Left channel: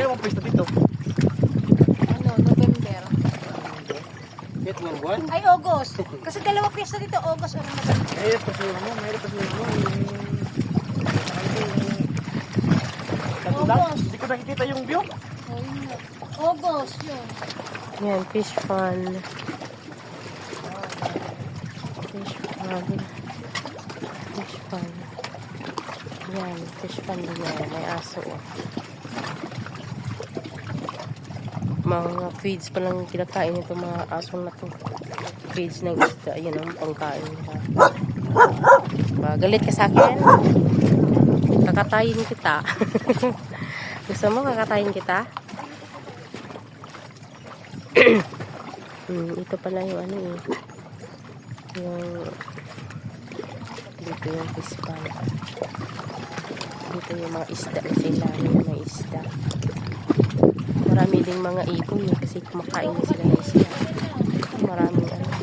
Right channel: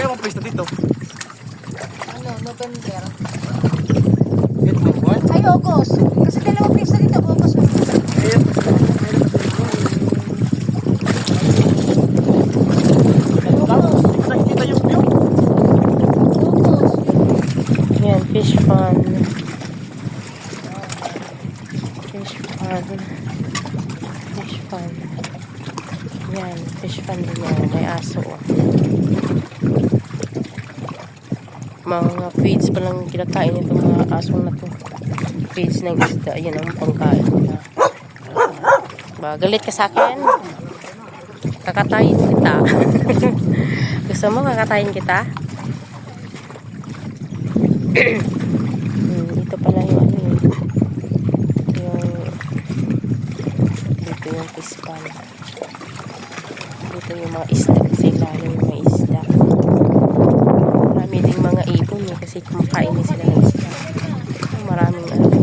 Kailan mo pwesto dito? Ano, November. Ito may buwan? Ay, August. Kasi dalawang pista dito, August. November. Ayan. August. Nakikita yung view. August. Yan, fish pond. Fish pond. Fish pond. Yan, fish pond din yan. May aso. Mga feeds pa lang kinakain itong mga asong na to. Feeds ng isda. Yan ang pangkain nila. Galit ka sa akin? Kakatayin kita. Gusto mo kakatayin kita? Ito pala yung ano eh. Yung dito yung fish pond. Dito yung mga isda. Sa ilalim yung mga isda. Marami ding mga ibon eh. Kasi kumakain din sila ng isda. Maraming ano.